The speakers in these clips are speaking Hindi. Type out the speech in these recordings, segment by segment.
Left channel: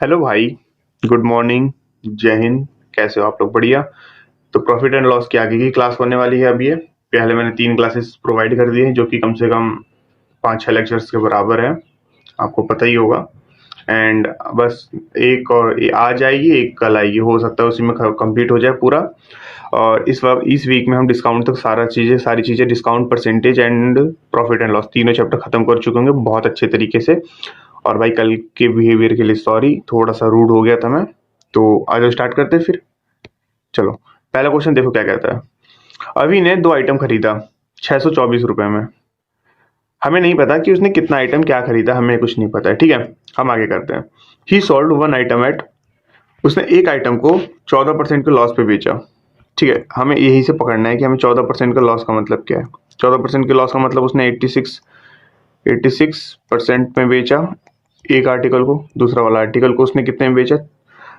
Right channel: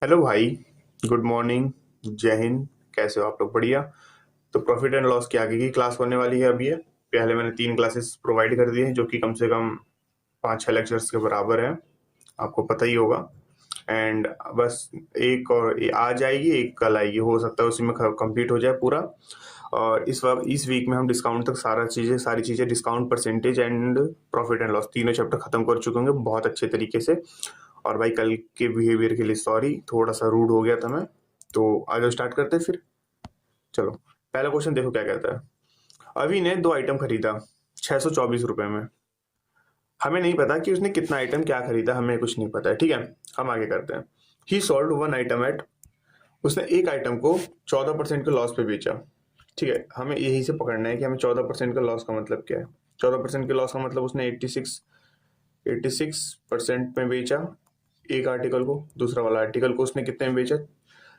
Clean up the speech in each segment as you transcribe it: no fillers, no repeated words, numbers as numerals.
हेलो भाई। Good morning. जय हिंद। कैसे हो आप लोग? बढ़िया। तो प्रॉफिट एंड लॉस की आगे की क्लास होने वाली है। अभी ये पहले मैंने 3 क्लासेस प्रोवाइड कर दिए हैं जो कि कम से कम 5-6 लेक्चर्स के बराबर है, आपको पता ही होगा। एंड बस एक और आज आएगी, एक कल आएगी, हो सकता है उसी में कंप्लीट हो जाए पूरा। और इस वीक में हम डिस्काउंट तक सारी चीज़ें discount percentage and profit and loss तीनों चैप्टर खत्म कर चुके होंगे बहुत अच्छे तरीके से। और भाई कल के बिहेवियर के लिए सॉरी, थोड़ा सा रूड हो गया था मैं। तो आज स्टार्ट करते हैं फिर। चलो, पहला क्वेश्चन देखो क्या कहता है। अभी ने 2 आइटम खरीदा 624 रुपए में। हमें नहीं पता कि उसने कितना आइटम क्या खरीदा, हमें कुछ नहीं पता है, ठीक है। हम आगे करते हैं। ही सोल्ड 1 आइटम एट, उसने एक आइटम को 14% के लॉस पे बेचा। ठीक है, हमें यही से पकड़ना है कि हमें 14% का लॉस का मतलब क्या है। 14% के लॉस का मतलब उसने 86% में बेचा एक आर्टिकल को, दूसरा वाला आर्टिकल को उसने कितने में बेचा,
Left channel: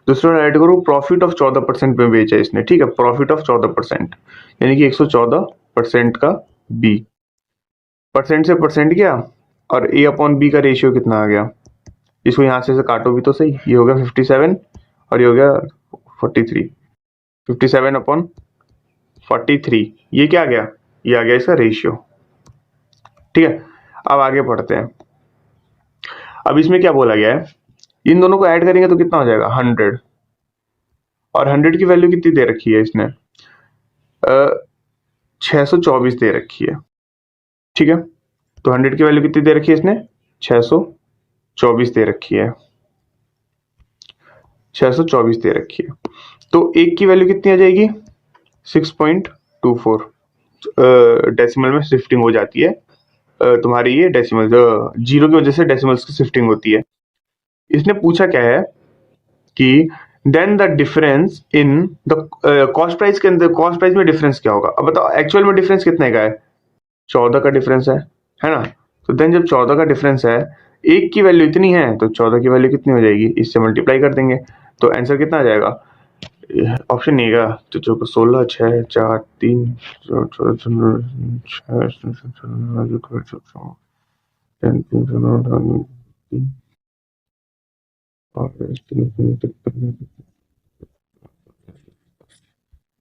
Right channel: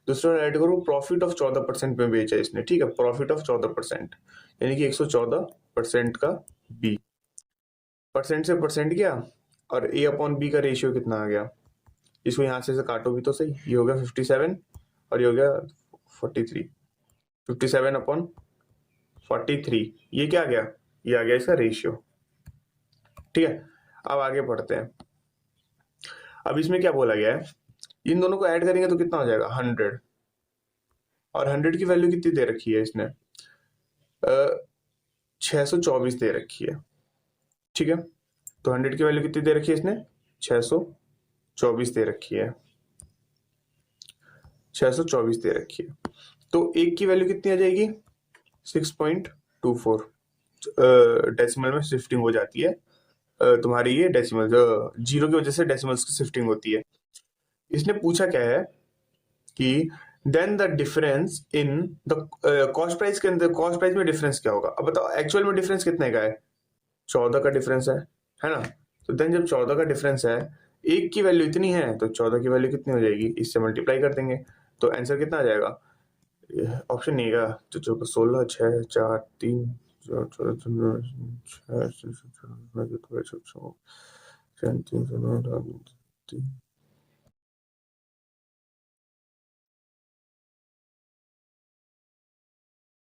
दूसरे वाला आर्टिकल को प्रॉफिट ऑफ 14% में बेचा इसने। ठीक है, प्रॉफिट ऑफ 14%, यानी कि 114% का बी। परसेंट से परसेंट गया और ए अपॉन बी का रेशियो कितना आ गया। इसको यहाँ से काटो भी तो सही, ये हो गया 57 और ये हो गया 43। 57/43, ये क्या आ गया, ये आ गया इसका रेशियो। ठीक है, अब आगे पढ़ते हैं। अब इसमें क्या बोला गया है, इन दोनों को ऐड करेंगे तो कितना हो जाएगा 100। और 100 की वैल्यू कितनी दे रखी है इसने, 624 दे रखी है। ठीक है, तो 100 की वैल्यू कितनी दे रखी है इसने, 624 दे रखी है। 624 दे रखी है, तो एक की वैल्यू कितनी आ जाएगी 6.24। डेसिमल में शिफ्टिंग हो जाती है तुम्हारी, ये डेसिमल जीरो की वजह से डेसिमल्स की शिफ्टिंग होती है। इसने पूछा क्या है कि then the difference in the cost price के अंदर, कॉस्ट प्राइस में डिफरेंस क्या होगा। अब बताओ एक्चुअल में डिफरेंस कितने का है, 14 का डिफरेंस है ना। तो देन जब 14 का डिफरेंस है, एक की वैल्यू इतनी है तो 14 की वैल्यू कितनी हो जाएगी, इससे मल्टीप्लाई कर देंगे तो आंसर कितना आ जाएगा। ऑप्शन नहीं है तो जो 16 6 4 3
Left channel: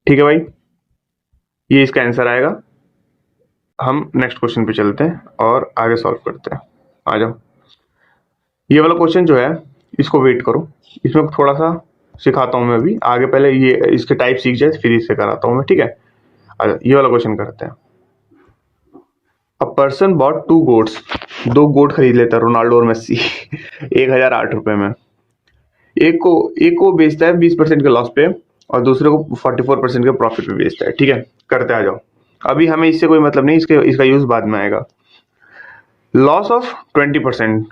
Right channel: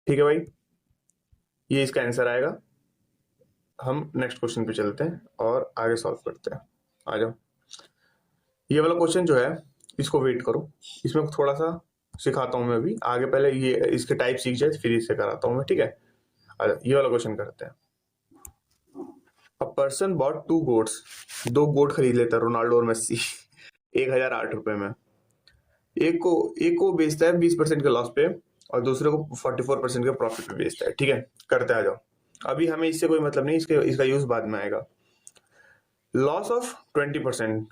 ठीक है भाई, ये इसका आंसर आएगा। हम नेक्स्ट क्वेश्चन पे चलते हैं और आगे सॉल्व करते हैं। आ जाओ, ये वाला क्वेश्चन जो है इसको वेट करो, इसमें थोड़ा सा सिखाता हूँ मैं अभी आगे, पहले ये इसके टाइप सीख जाए फिर इससे कराता हूँ मैं, ठीक है। ये वाला क्वेश्चन करते हैं। अ पर्सन बॉट 2 गोट्स, 2 गोट खरीद लेता है रोनाल्डो और मेस्सी 1008 रुपए में। एक को बेचता है 20% के लॉस पे और दूसरे को 44% के प्रॉफिट पे बेचता है। ठीक है, करते आ जाओ। अभी हमें इससे कोई मतलब नहीं, इसका यूज बाद में आएगा। लॉस ऑफ 20%,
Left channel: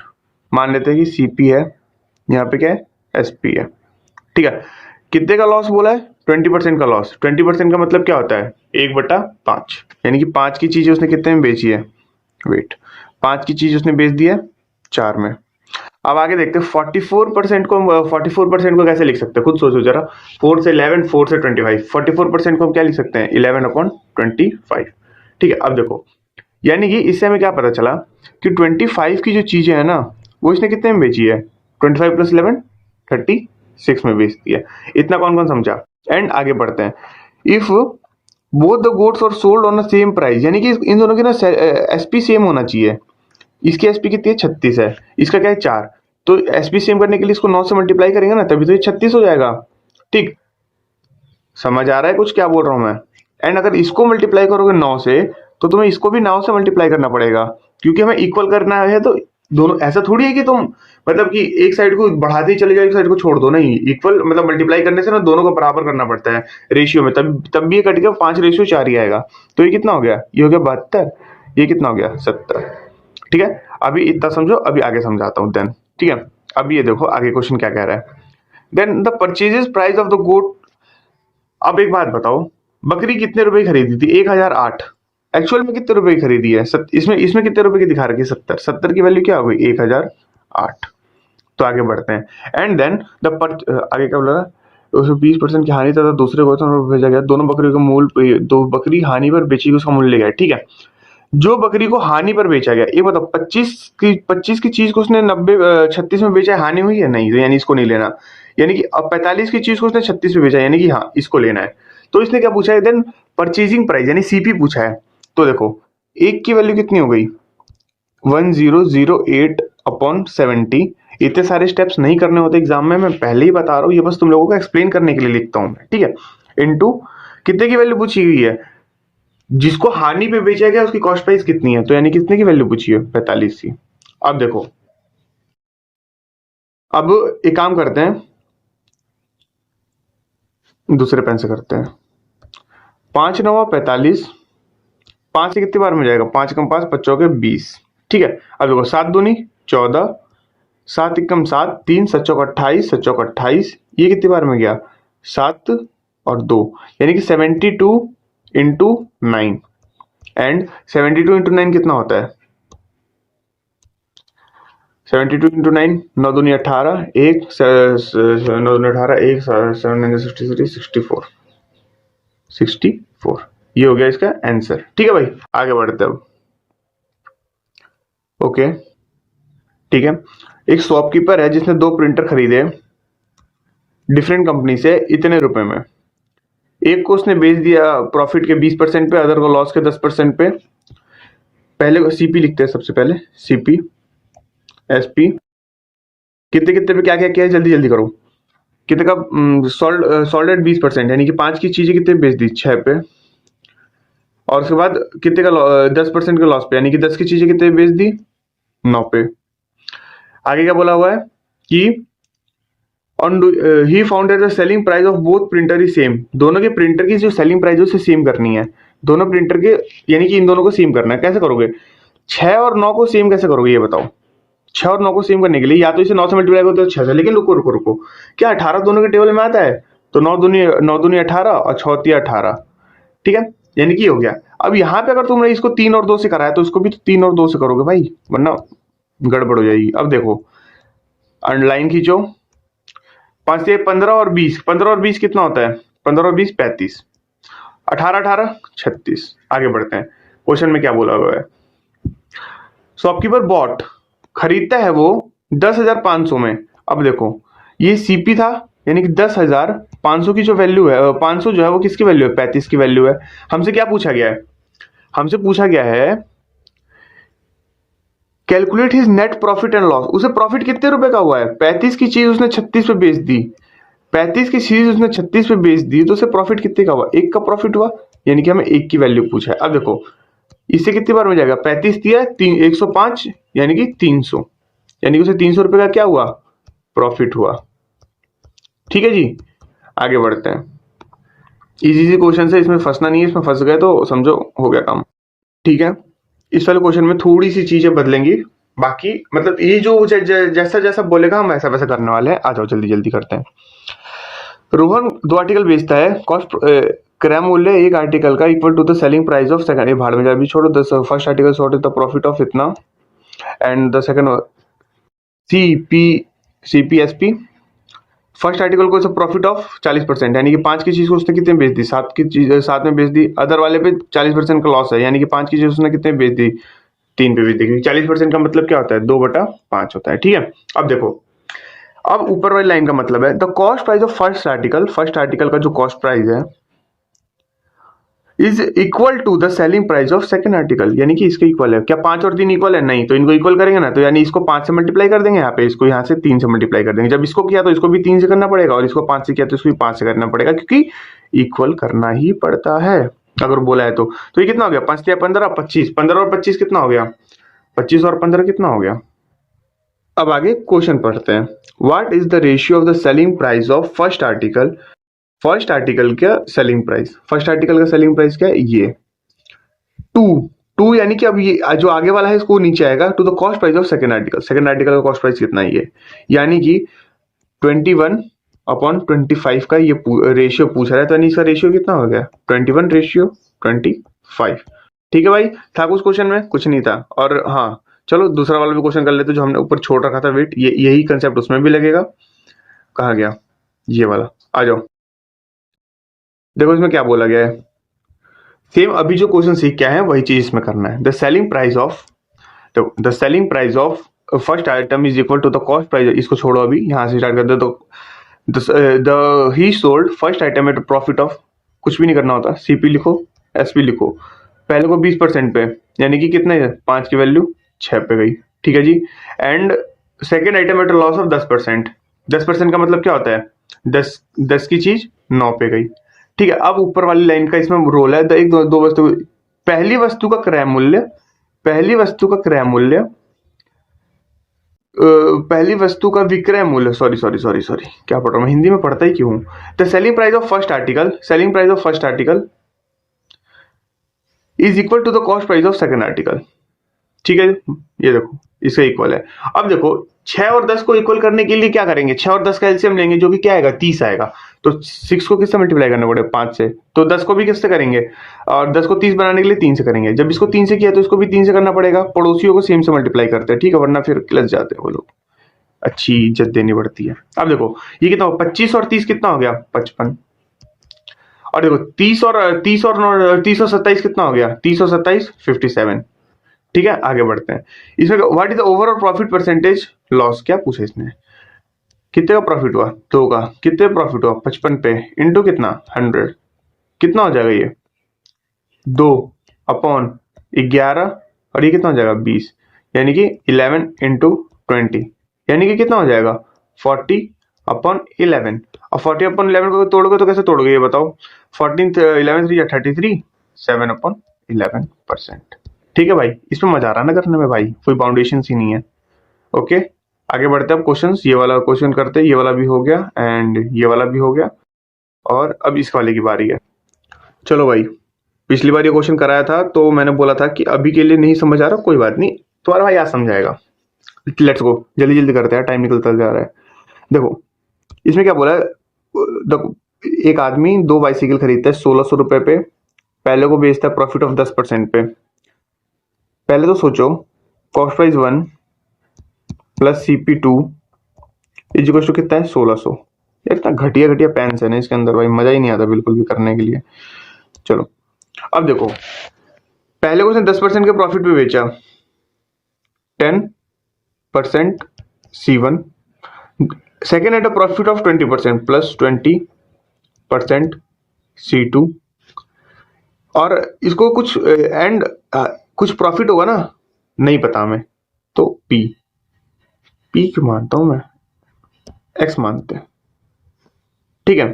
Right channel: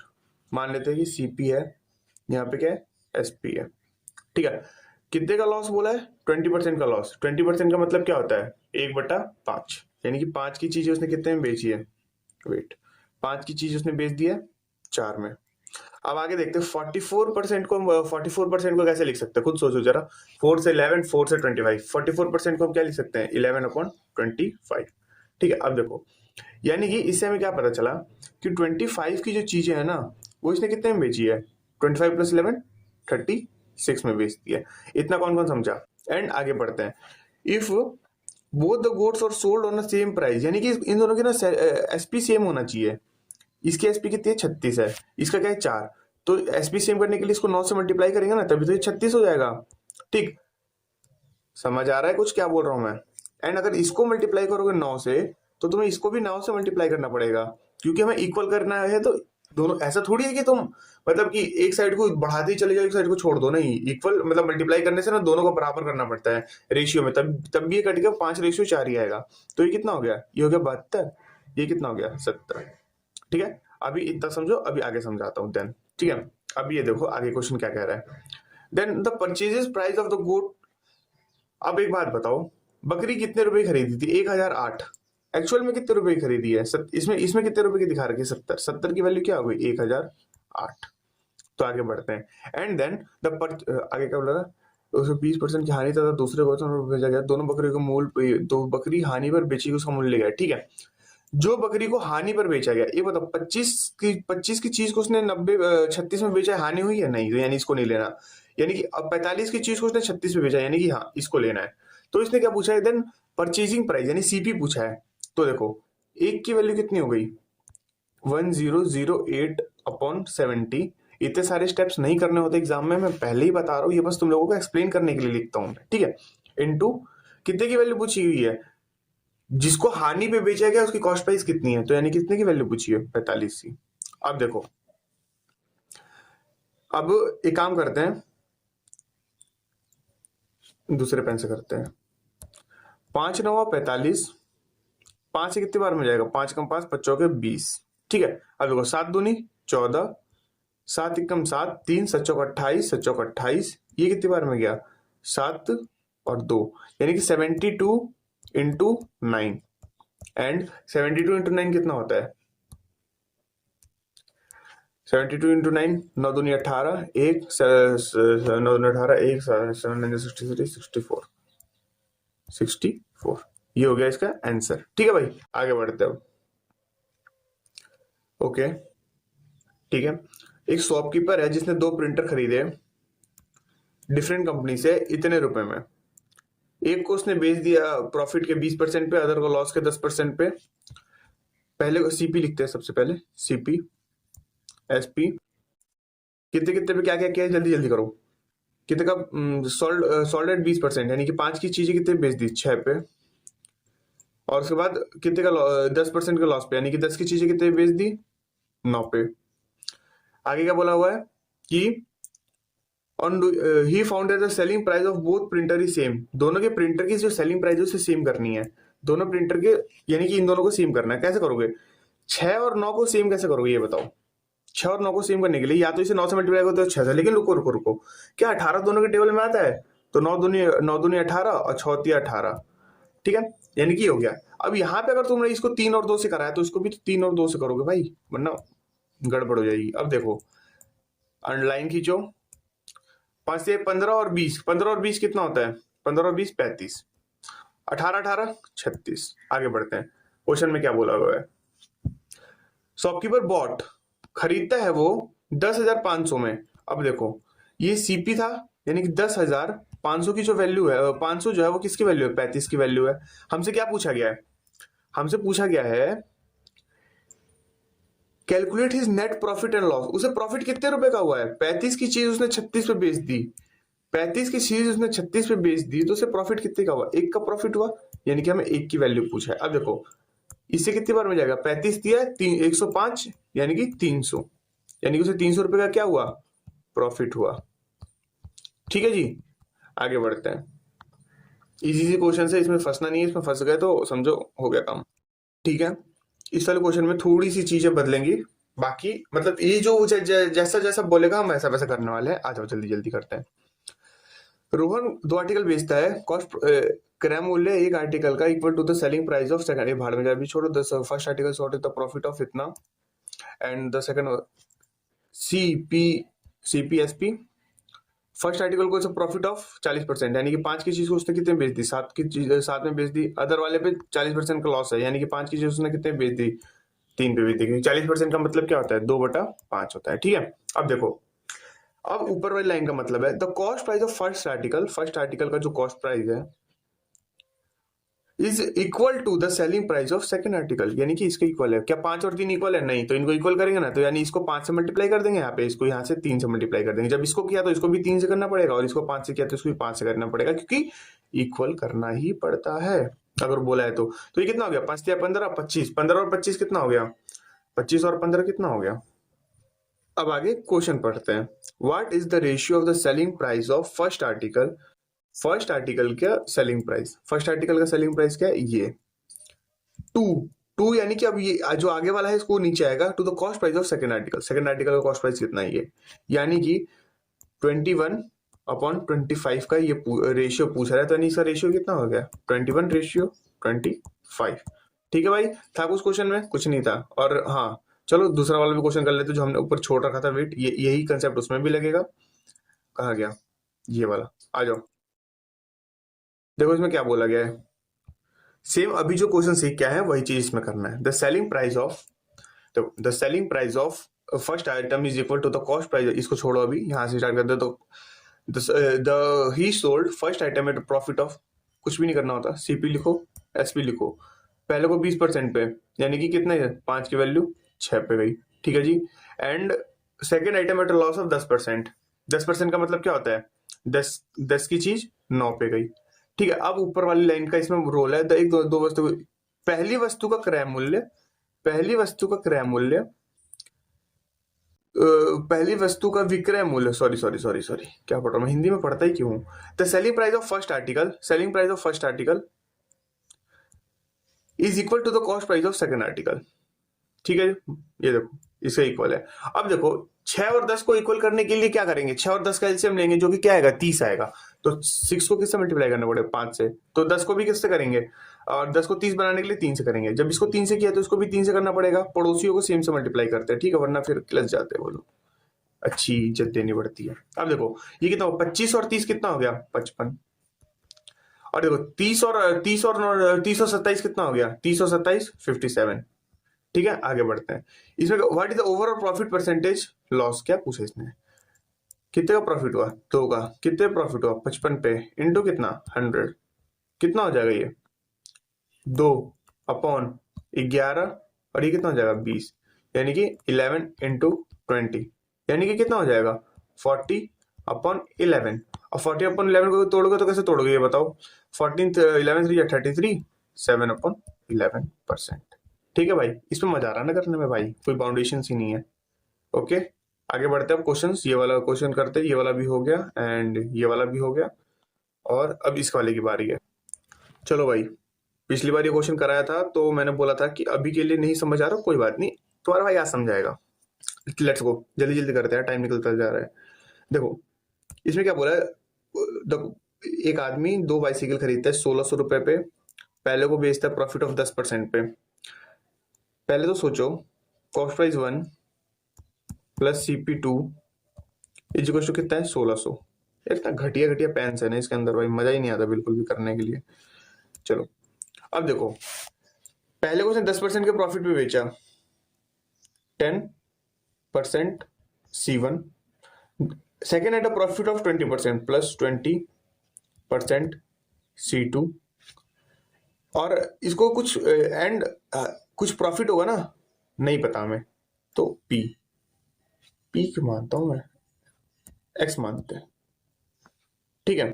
मान लेते हैं कि सीपी है, यहाँ पे क्या है एसपी है। ठीक है, कितने का लॉस बोला है, 20% का लॉस। 20% का मतलब क्या होता है 1/5, यानी कि 5 की चीज उसने कितने में बेची है, वेट 5 की चीज उसने बेच दी है 4 में। अब आगे देखते हैं 44% को कैसे लिख सकते हैं, खुद सोचो जरा। 4 से 11, 4 से 25, 44% को हम क्या लिख सकते हैं 11/25। ठीक है, अब देखो, यानी कि इससे हमें क्या पता चला कि 25 की जो चीजें है ना वो इसने कितने में बेची है, 25 + 11 36 में बेच दिया। इतना कौन कौन समझा। एंड आगे बढ़ते हैं। इफ बोथ द गुड्स और sold on the same price, यानी कि इन दोनों की ना एसपी सेम होना चाहिए। इसकी एसपी कितनी है 36 है, इसका क्या है 4, तो एसपी सेम करने के लिए इसको 9 से मल्टीप्लाई करेंगे ना तभी तो ये 36 हो जाएगा। ठीक, समझ आ रहा है कुछ क्या बोल रहा हूं मैं। एंड अगर इसको मल्टीप्लाई करोगे 9 से तो तुम्हें इसको भी 9 से मल्टीप्लाई करना पड़ेगा, क्योंकि हमें इक्वल करना है। तो दोनों ऐसा थोड़ी है कि तुम मतलब कि एक साइड को बढ़ाते ही चले जाओ एक साइड को छोड़ दो, नहीं। इक्वल मतलब मल्टीप्लाई करने से ना दोनों को बराबर करना पड़ता है रेशियो में, तब भी ये कट गया 5:4 ही आएगा। तो ये कितना हो गया, ये हो गया 72, ये कितना हो गया 70। ठीक है, अभी इतना समझो, अभी आगे समझाता हूँ देन। ठीक है, अब ये देखो आगे क्वेश्चन क्या कह रहा है। Then the purchases price of the goat. अब एक बात बताओ, बकरी कितने रुपए की खरीदी थी 1008, एक्चुअल में कितने रुपए की खरीदी है, इसमें कितने रुपए की दिखा रखी है 70, 70 की वैल्यू क्या हो गई 1008। तो आगे बढ़ते हैं। एंड देन आगे क्या बोला, उसमें 20% की हानि तथा दूसरे को भेजा गया, दोनों बकरियों का मूल, दो बकरी हानि पर बेची, उसका मूल्य गया। ठीक है, जो बकरी को हानि पर बेचा गया, ये बताओ 25 की चीज को उसने 36 में बेचा है, हानि हुई है नहीं, तो यानी इसको नहीं लेना। यानी कि अब 45 की चीज को उसने 36 में बेचा, यानी कि हाँ इसको लेना है। तो इसने क्या पूछा है देन, परचेजिंग प्राइस यानी सीपी पूछा है। तो देखो एक की वैल्यू कितनी हो गई 1008/70। इतने सारे स्टेप्स नहीं करने होते एग्जाम में, मैं पहले ही बता रहा हूँ, ये बस तुम लोगों को एक्सप्लेन करने के लिए लिखता हूँ मैं, ठीक है। इनटू कितने की वैल्यू पूछी हुई है, जिसको हानि पे बेचा गया उसकी कॉस्ट प्राइस कितनी है, तो यानी कितने की वैल्यू पूछी है 45 की। अब देखो, अब एक काम करते हैं, दूसरे पेन से करते हैं। 5 9 45, 5 से कितनी बार में जाएगा, 5 कम 5 5 के 20, ठीक है। अब देखो 7 दूनी 14, 7 एकम 7, 3 7 चौक 28, 7 चौक 28, ये कितनी बार में गया 7 और 2, यानी कि 72 इंटू 9। एंड 72 इंटू 9 कितना होता है 72 इंटू 9, 9 दूनी 18, 1 9 दूनी 18, 1 7 9 63, 64। ये हो गया इसका आंसर, ठीक है भाई। आगे बढ़ते हैं अब। ओके ठीक है, एक शॉपकीपर है जिसने 2 प्रिंटर खरीदे डिफरेंट कंपनी से इतने रुपए में। एक को उसने बेच दिया प्रॉफिट के 20% पे, अदर को लॉस के 10% पे। पहले सीपी लिखते हैं, सबसे पहले सीपी एसपी कितने कितने पे क्या क्या किया है, जल्दी जल्दी करो। कितने का सॉल्डेड 20%, यानी कि 5 की चीजें कितने बेच दी 6 पे, और उसके बाद कितने का 10% के लॉस पे, यानी कि 10 की चीजें कितने बेच दी 9 पे। आगे क्या बोला हुआ है कि on he found that the selling price of both printer is same. दोनों के प्रिंटर की जो सेलिंग प्राइस है उसे सेम करनी है, दोनों प्रिंटर के, यानी कि इन दोनों को सेम करना है। कैसे करोगे, 6 और 9 को सेम कैसे करोगे ये बताओ। 6 और 9 को सेम करने के लिए या तो इसे 9 से मल्टीप्लाई करो तो 6 से, लेकिन रुको रुको रुको, क्या 18 दोनों के टेबल में आता है, तो 9 दूनी 18 और 6 18, ठीक है, यानी कि हो गया। अब यहाँ पे अगर तुमने इसको 3 और 2 से कराया तो इसको भी तो 3 और 2 से करोगे भाई, वरना गड़बड़ हो जाएगी। अब देखो अंडरलाइन खींचो, 5 से 15 और 20, 15 और 20 कितना होता है 15 और 20 35, 18 18 36। आगे बढ़ते हैं, क्वेश्चन में क्या बोला हुआ है। शॉपकीपर बॉट खरीदता है वो 10,500 में। अब देखो ये सीपी था, यानी कि 10,500 की जो वैल्यू है, 500 जो है वो किसकी वैल्यू है 35 की वैल्यू है। हमसे क्या पूछा गया है, हमसे पूछा गया है calculate his net profit and loss. उसे प्रॉफिट कितने रुपए का हुआ है, 35 की चीज उसने 36 पे बेच दी, 35 की चीज उसने 36 पे बेच दी, तो उसे प्रॉफिट कितने का हुआ, 1 का प्रॉफिट हुआ, यानी कि हमें 1 की वैल्यू पूछा है। अब देखो इससे कितनी बार में जाएगा, 35 दिया 105, यानी कि 300, यानी कि उसे 300 रुपए का क्या हुआ प्रॉफिट हुआ, ठीक है जी। आगे बढ़ते हैं, इजी सी क्वेश्चन है, इसमें फंसना नहीं है, इसमें फंस गए तो समझो हो गया काम, ठीक है। इस वाले क्वेश्चन में थोड़ी सी चीजें बदलेंगी, बाकी मतलब ये जो जैसा जैसा बोलेगा हम वैसा वैसा करने वाले हैं। आ जाओ जल्दी जल्दी करते हैं। रोहन 2 आर्टिकल बेचता है, कॉस्ट क्रय मूल्य एक आर्टिकल का equal to the selling price of second, ये भाड़ में जा भी छोड़ो, the first article sort is the profit of इतना, and the second CPSP first article को प्रॉफिट ऑफ 40%, यानी कि 5 की चीज को उसने कितने बेच दी 7 की चीज 7 में बेच दी, अदर वाले पे 40% का लॉस है, यानी कि 5 की चीज उसने कितने बेच दी 3 पे बेच दी, क्योंकि 40% का मतलब क्या होता है 2/5 होता है, ठीक है। अब देखो, अब ऊपर वाली लाइन का मतलब है the cost price of first article, first article का जो कॉस्ट प्राइस है is equal to the selling price of second article, यानी कि इसके इक्वल है। क्या 5 और 3 इक्वल है, नहीं, तो इनको इक्वल करेंगे ना, तो यानी इसको 5 से मल्टीप्लाई कर देंगे, यहाँ पे इसको यहाँ से 3 से मल्टीप्लाई कर देंगे। जब इसको किया तो इसको भी 3 से करना पड़ेगा, और इसको 5 से किया तो इसको भी 5 से करना पड़ेगा, क्योंकि इक्वल करना ही पड़ता है अगर बोला है तो ये कितना हो गया 5 या 15 25, 15 और 25 कितना हो गया 25 और 15 कितना हो गया। अब आगे क्वेश्चन पढ़ते हैं, what is the ratio of the selling price of first article, first article का सेलिंग प्राइस, फर्स्ट आर्टिकल का सेलिंग प्राइस क्या है ये 2, यानी कि अब ये जो आगे वाला है इसको नीचे आएगा to the cost price of second article, second article का कॉस्ट प्राइस कितना है ये, यानी कि 21/25 का ये रेशियो पूछ रहा है, तो यानी इसका रेशियो कितना हो गया 21/25, ठीक है भाई। था कुछ क्वेश्चन में, कुछ नहीं था। और हाँ चलो दूसरा वाला भी क्वेश्चन कर लेते जो हमने ऊपर छोड़ रखा था वेट, यही कंसेप्ट उसमें भी लगेगा। कहा गया ये वाला, आ जाओ। देखो इसमें क्या बोला गया है, सेम अभी जो क्वेश्चन सीख क्या है वही चीज इसमें करना है। द सेलिंग प्राइस ऑफ, तो the selling price of first item is equal to the cost price, इसको छोड़ो अभी, यहाँ से स्टार्ट करते। तो the he sold first item at profit of, कुछ भी नहीं करना होता, सीपी लिखो, एसपी लिखो, पहले को 20% पे, यानी कि कितने, 5 की वैल्यू 6 पे गई, ठीक है जी। And second item at loss of 10%, 10% का मतलब क्या होता है, 10 की चीज 9 पे गई, ठीक है। अब ऊपर वाली लाइन का इसमें रोल है, एक दो वस्तु, पहली वस्तु का क्रय मूल्य, पहली वस्तु का क्रय मूल्य, पहली वस्तु का विक्रय मूल्य, सॉरी क्या पढ़ रहा हूँ, हिंदी में पढ़ता ही क्यों हूँ। The selling price of first article, selling price of first article is equal to the cost price of second article, ठीक है। ये देखो इसका इक्वल है। अब देखो 6 और 10 को इक्वल करने के लिए क्या करेंगे, 6 और 10 का एलसीएम लेंगे, जो कि क्या आएगा, 30 आएगा। तो 6 को किससे मल्टीप्लाई करना पड़ेगा, 5 से, तो 10 को भी किससे करेंगे, और 10 को 30 बनाने के लिए 3 से करेंगे। जब इसको 3 से किया तो इसको भी 3 से करना पड़ेगा, पड़ोसियों को सेम से मल्टीप्लाई करते हैं, ठीक है, वरना फिर किलस जाते हैं वो लोग, अच्छी इज्जत देनी पड़ती है। अब देखो ये कितना हो, 25 और 30 कितना हो गया, 55। और देखो 30 और 27 कितना हो गया, 30 और 27 57, ठीक है। आगे बढ़ते हैं, इसमें what is the overall profit percentage loss, क्या पूछा इसने, कितने का प्रॉफिट हुआ, 2 का, कितने प्रॉफिट हुआ 55 पे, इंटू कितना 100, कितना हो जाएगा ये 2 अपॉन 11, और ये कितना हो जाएगा 20, यानी कि 11 इंटू 20, यानी कि कितना हो जाएगा 40 अपॉन 11। और 40 अपॉन 11 को तोड़ोगे तो कैसे तोड़ोगे ये बताओ, 14 11 3 33, 7 अपॉन 11%, ठीक है भाई। इसमें मजा आ रहा ना करने में भाई, कोई बाउंडेशन ही नहीं है। ओके आगे बढ़ते हैं अब क्वेश्चंस, ये वाला क्वेश्चन करते हैं, ये वाला भी हो गया एंड ये वाला भी हो गया, और अब इस वाले की बारी है। चलो भाई, पिछली बार ये क्वेश्चन कराया था तो मैंने बोला था कि अभी के लिए नहीं समझ आ रहा, कोई बात नहीं, तुम्हारा भाई आज समझाएगा। लेट्स गो, जल्दी जल्दी करते हैं, टाइम निकलता जा रहा है। देखो इसमें क्या बोला है, देखो एक आदमी 2 बाइसिकल खरीदता है 1600 रुपए पे, पहले को बेचता है प्रॉफिट ऑफ 10% पे। पहले तो सोचो cost price 1 plus CP2 is equal to कितना है 1600। यार इतना घटिया घटिया पेन्स है ना इसके अंदर भाई, मजा ही नहीं आता बिल्कुल भी करने के लिए। चलो अब देखो, पहले को उसने 10% के प्रॉफिट पे बेचा, 10% C1, second at a profit of 20% plus 20% C2, और इसको कुछ एंड कुछ प्रॉफिट होगा ना, नहीं पता हमें, तो P क्यों मानता हूं मैं, X मानते हैं, ठीक है।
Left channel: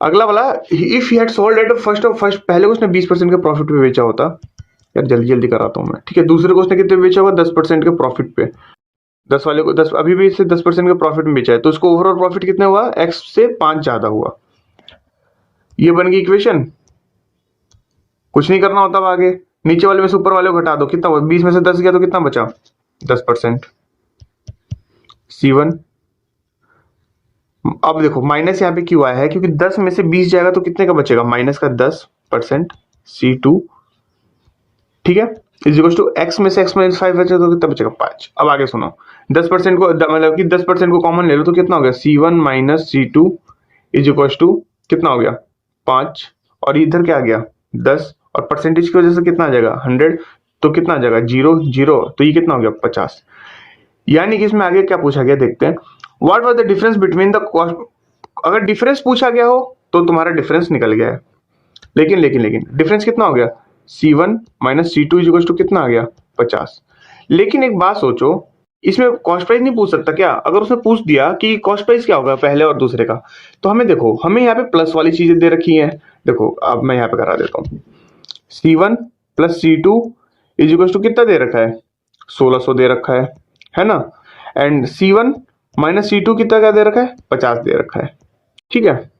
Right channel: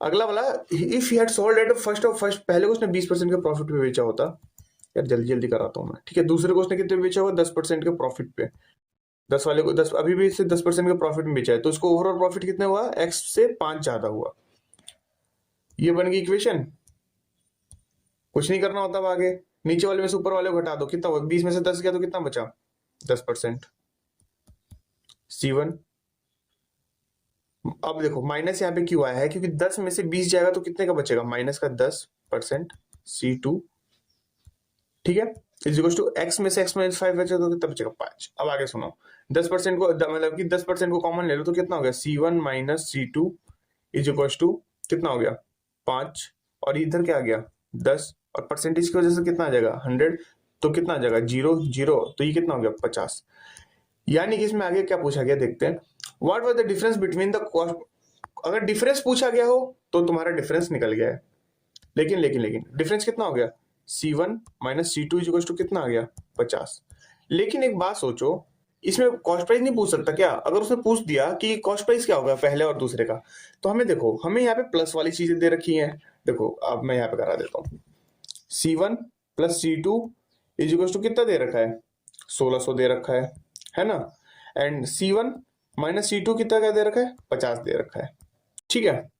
अगला वाला, if he had sold at first पहले को उसने 20% के प्रॉफिट पे बेचा होता, यार जल्दी जल्दी कराता हूं मैं, ठीक है। दूसरे को उसने कितने बेचा होगा, 10% के प्रॉफिट पे, 10 वाले को 10, अभी भी इससे 10% के प्रॉफिट में बेचा है, तो उसको ओवरऑल प्रॉफिट कितना हुआ, X से 5 ज्यादा हुआ। ये बन गई इक्वेशन, कुछ नहीं करना होता अब आगे, नीचे वाले में से ऊपर वाले को घटा दो, कितना हुआ, 20 में से 10 गया तो कितना बचा, 10% C1। अब देखो माइनस यहाँ पे क्यों आया है, क्योंकि 10 में से 20 जाएगा तो कितने का बचेगा, माइनस का 10% C2, ठीक है, इज इक्वल टू X में से X माइनस 5 बचे तो कितना बचेगा 5। अब आगे सुनो, 10% को मतलब कि 10% को कॉमन ले लो तो कितना हो गया, C1 minus C2 is equal to कितना हो गया 5, और इधर क्या आ गया 10, और परसेंटेज की वजह से कितना आ जाएगा 100, तो कितना आ जाएगा 0, तो ये कितना हो गया 50। यानी कि इसमें आगे क्या पूछा गया देखते हैं, what was the difference between the cost, अगर डिफरेंस पूछा गया हो तो तुम्हारा डिफरेंस निकल गया है, लेकिन डिफरेंस कितना हो गया, C1 minus C2 is equal to कितना आ गया 50। लेकिन एक बात सोचो, इसमें कॉस्ट प्राइस नहीं पूछ सकता क्या, अगर उसने पूछ दिया कि कॉस्ट प्राइस क्या होगा पहले और दूसरे का, तो हमें देखो हमें यहाँ पे प्लस वाली चीजें दे रखी हैं। देखो अब मैं यहाँ पे करा देता हूँ, C1 plus C2 is equal to कितना दे रखा है 1600 दे रखा है ना, एंड C1 माइनस C2 कितना क्या दे रखा है 50 दे रखा है, ठीक है।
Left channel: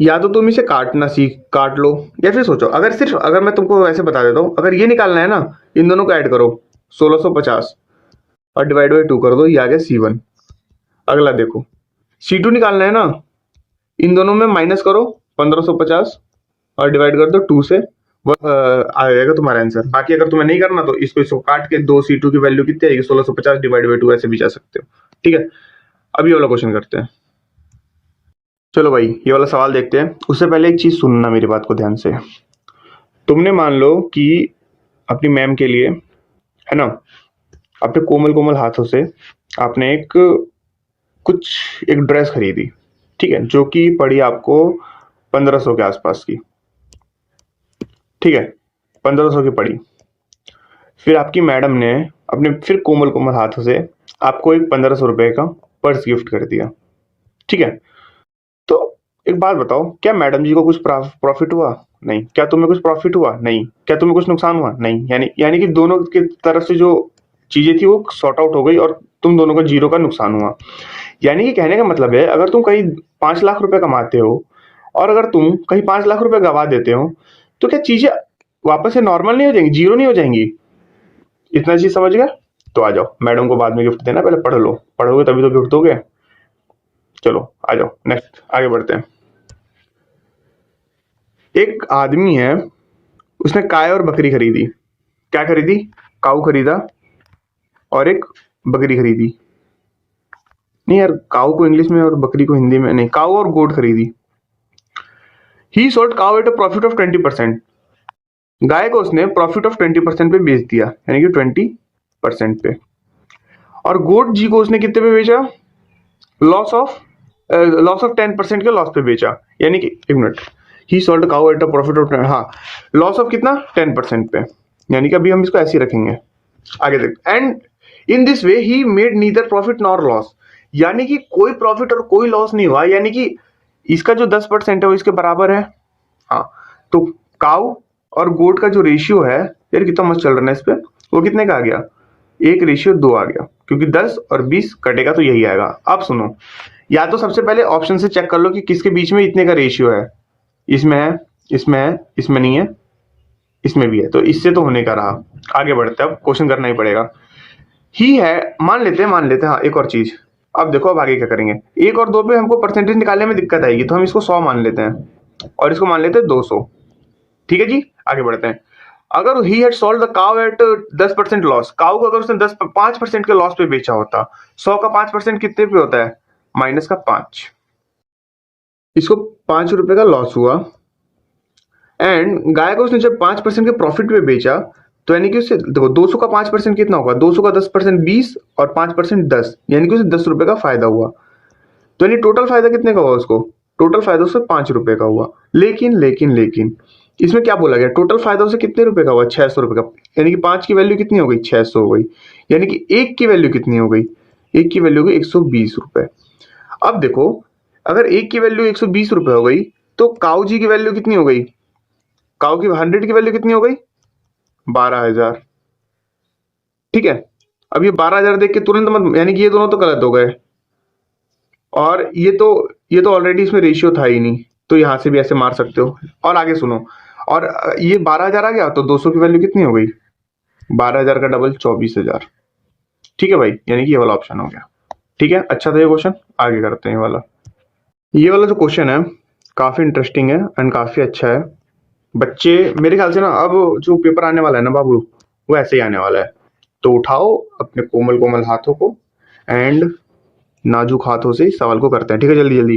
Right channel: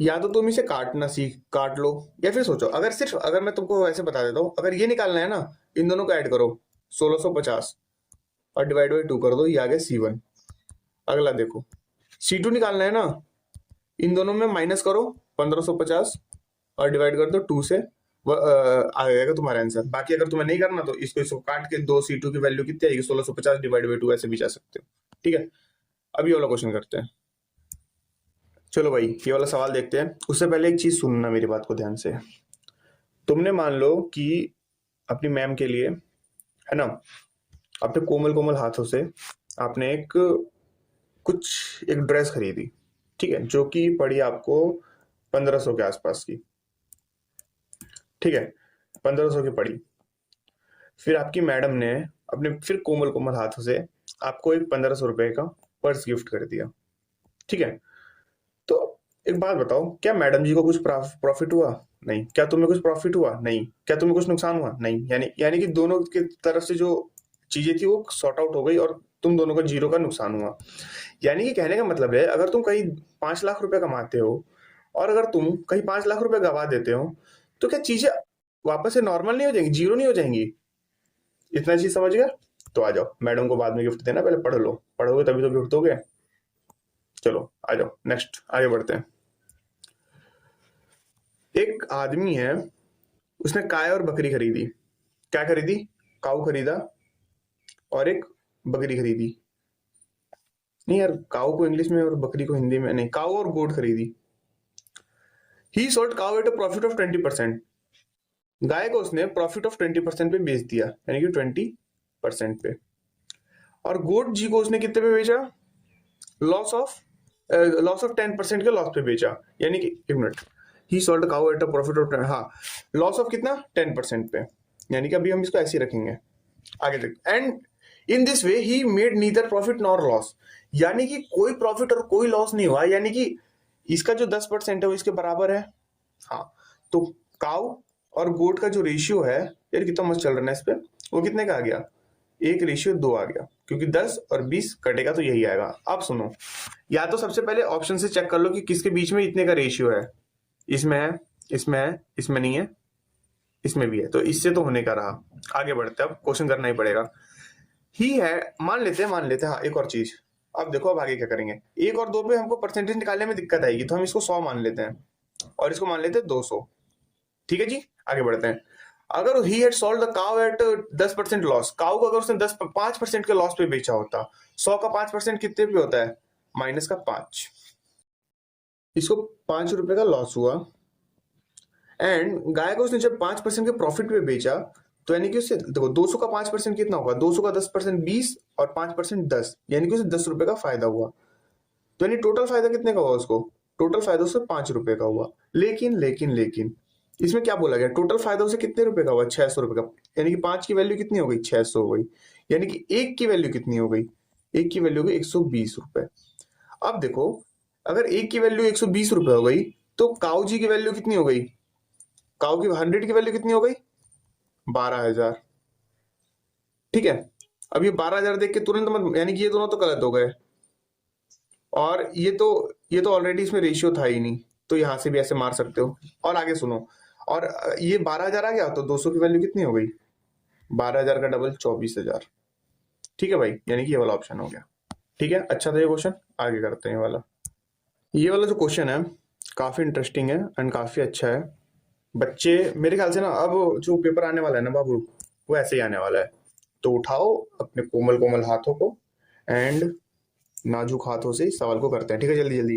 या तो तुम इसे काट लो, या फिर सोचो अगर मैं तुमको ऐसे बता देता हूँ, अगर ये निकालना है ना, इन दोनों को ऐड करो 1650 और डिवाइड बाई 2 कर दो, ये आ गया C1। अगला देखो C2 निकालना है ना, इन दोनों में माइनस करो 1550 और डिवाइड कर दो 2 से, आ जाएगा तुम्हारा आंसर। बाकी अगर तुम्हें नहीं करना तो इसको काट के 2 C2 की वैल्यू कितनी आएगी 1650 डिवाइड बाई 2, ऐसे भी जा सकते हो, ठीक है। अब ये वाला क्वेश्चन करते हैं। चलो भाई ये वाला सवाल देखते हैं, उससे पहले एक चीज सुनना मेरी बात को ध्यान से। तुमने मान लो कि अपनी मैम के लिए, है ना, अपने कोमल कोमल हाथों से आपने एक ड्रेस खरीदी, ठीक है, जो कि पड़ी आपको 1500 के आसपास की, ठीक है, 1500 की पड़ी। फिर आपकी मैडम ने अपने फिर कोमल कोमल हाथों से आपको एक 1500 रुपए का पर्स गिफ्ट कर दिया, ठीक है। तो एक बात बताओ, क्या मैडम जी को कुछ प्रॉफिट हुआ? नहीं। क्या तुम्हें कुछ प्रॉफिट हुआ? नहीं। क्या तुम्हें कुछ नुकसान हुआ? नहीं। यानी कि दोनों की तरफ से जो चीजें थी वो सॉर्ट आउट हो गई और तुम दोनों को जीरो का नुकसान हुआ। यानी कि कहने का मतलब है, अगर तुम कहीं 5 लाख रुपए कमाते हो और अगर तुम कहीं 5 लाख रुपए गवा देते हो, तो क्या चीजें वापस से नॉर्मल नहीं हो जाएंगी, जीरो नहीं हो जाएंगी? इतना चीज समझ गया? तो आ जाओ, मैडम को बाद में गिफ्ट देना, पहले पढ़ लो, पढ़ोगे तभी तो गिफ्ट दोगे। चलो आ जाओ, नेक्स्ट आगे बढ़ते हैं। एक आदमी है, उसने गाय और बकरी खरीदी। क्या खरीदी? काऊ खरीदा और एक बकरी खरीदी। नहीं यार, काऊ को इंग्लिश में और बकरी को हिंदी में नहीं, काऊ और गोट खरीदी। ही sold cow at a profit of 20%। गाय को उसने प्रॉफिट ऑफ 20% पे बेच दिया, यानी कि 20% पे। और गोट जी को उसने कितने पे बेचा? लॉस ऑफ 10% के लॉस पे बेचा। यानी कि एक minute, he sold cow at a profit of, हाँ, लॉस ऑफ कितना? 10% पे। यानी कि अभी हम इसको ऐसे ही रखेंगे, आगे देख। And in this way he made neither profit nor loss. यानी कि कोई प्रॉफिट और कोई लॉस नहीं हुआ, यानी कि इसका जो 10% है वो इसके बराबर है। हाँ, तो काऊ और गोट का जो रेशियो है, यार कितना मस्त चल रहा है इस पे, वो कितने का आ गया? 1:2 आ गया, क्योंकि 10 और 20 कटेगा तो यही आएगा। अब सुनो, या तो सबसे पहले ऑप्शन से चेक कर लो कि किसके बीच में इतने का रेशियो है। इसमें है, इसमें है, इसमें नहीं है, इसमें भी है, तो इससे तो होने का रहा। आगे बढ़ते हैं, अब क्वेश्चन करना ही पड़ेगा। ही है, मान लेते हैं, हाँ, एक और चीज। अब देखो, अब आगे क्या करेंगे। 1 और 2 पे हमको परसेंटेज निकालने में दिक्कत आएगी, तो हम इसको 100 मान लेते हैं और इसको मान लेते हैं 200। ठीक है जी, आगे बढ़ते हैं। अगर he had sold the cow at 10% loss, cow को अगर उसने 5% के लॉस पे बेचा होता, 100 का 5% कितने पे होता है? -5। इसको 5 रुपए का लॉस हुआ। एंड गाय को उसने जब 5% के प्रॉफिट पे बेचा, तो यानी कि उससे देखो 200 का 5% कितना होगा? 200 का 10% 20 और 5% 10, यानी कि उसे 10 रुपए का फायदा हुआ। तो यानी टोटल फायदा कितने का हुआ उसको? टोटल फायदा उससे 5 रुपए का हुआ। लेकिन इसमें क्या बोला गया? टोटल फायदा उसे कितने रुपए का हुआ? 600 रुपए का। यानी कि 5 की वैल्यू कितनी हो गई? 600 हो गई। यानी कि 1 की वैल्यू कितनी हो गई? 1 की वैल्यू हो गई 120 रुपए। अब देखो, अगर 1 की वैल्यू 120 रुपए हो गई, तो काऊ जी की वैल्यू कितनी हो गई? काऊ की 100 की वैल्यू कितनी हो गई? 12,000। ठीक है, अब ये 12,000 देख के तुरंत मत, यानी कि ये दोनों तो गलत हो गए, और ये तो ऑलरेडी इसमें रेशियो था ही नहीं, तो यहां से भी ऐसे मार सकते हो। और आगे सुनो, और ये 12,000 आ गया, तो 200 की वैल्यू कितनी हो गई? 12,000 का डबल 24,000। ठीक है भाई, यानी कि ये वाला ऑप्शन हो गया। ठीक है, अच्छा था ये क्वेश्चन। आगे करते हैं ये वाला जो क्वेश्चन है काफी इंटरेस्टिंग है एंड काफी अच्छा है। बच्चे मेरे ख्याल से ना, अब जो पेपर आने वाला है ना बाबू, वो ऐसे ही आने वाला है। तो उठाओ अपने कोमल कोमल हाथों को एंड नाजुक हाथों से इस सवाल को करते हैं। ठीक है, जल्दी जल्दी।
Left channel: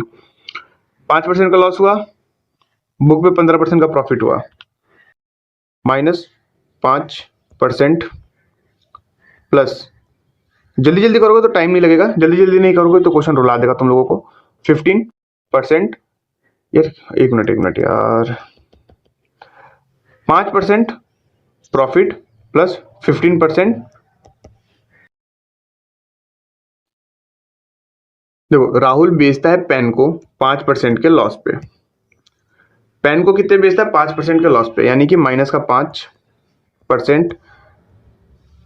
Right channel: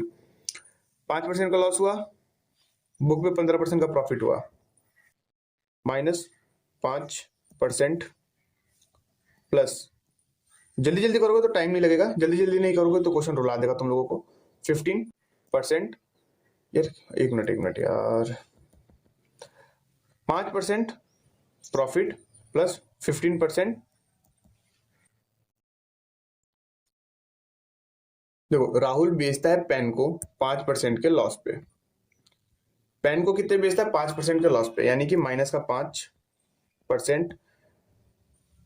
5% का लॉस हुआ, बुक पे 15% का प्रॉफिट हुआ, -5% प्लस, जल्दी जल्दी करोगे तो टाइम नहीं लगेगा, जल्दी जल्दी नहीं करोगे तो क्वेश्चन रुला देगा तुम लोगों को। 15%, यार एक मिनट यार, 5% प्रॉफिट प्लस 15%। देखो, राहुल बेचता है पेन को 5% के लॉस पे। पेन को कितने बेचता है? 5% के लॉस पे, यानी कि -5%।